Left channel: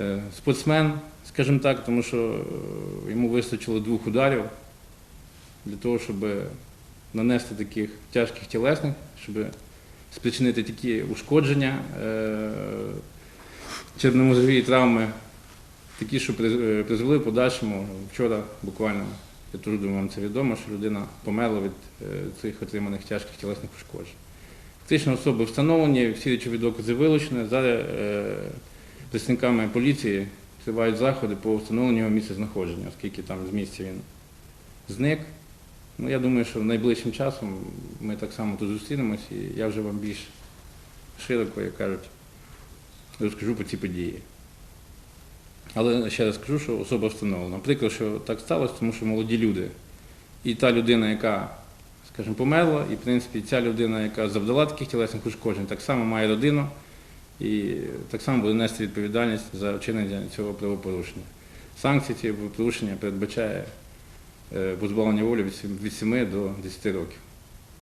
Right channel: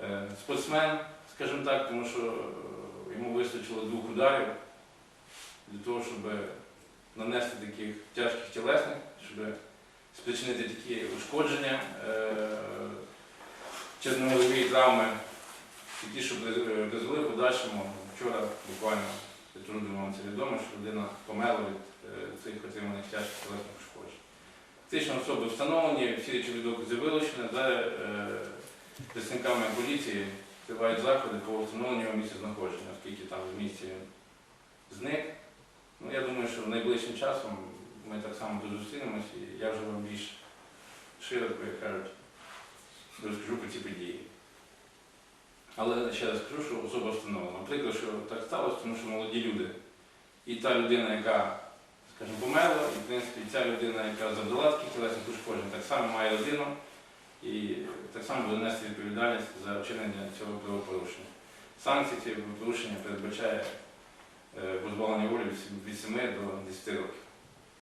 е, спортсмен, скажімо так, тому що е, йому вистачило двох ударів для того, щоб нанести таких тяжких тілесних, щоб спричинити такі ушкодження, е, черномозові травми, такі, що призвели в подальшому. Вчора буквально, я теж думаю, вам це відомо, що людина померла від цих отриманих тяжких тілесних ушкоджень. Фактично особи встановлені, всі речові докази вилучені. Зараз представниками поліції тривають заходи по встановленню його місця знаходження, оскільки там з місця він зник. Ну, я думаю, що найближчим часом ми так само тут зустрінемось і я вже вам більш широко, як кажуть, розкажу про ці події. Але ще раз скажу, що особа встановлена. Прикро, що так сталося, тому що молоді люди. І та людина, яка, скажімо, померла, і в принципі ця людина, яка завдала таких тілесних ушкоджень, так само має родину і так само буде нести відповідальність за вчинення цього правопорушення. Санкції цього правопорушення передбачає е, позбавлення волі від сім- від 7 до 10 років.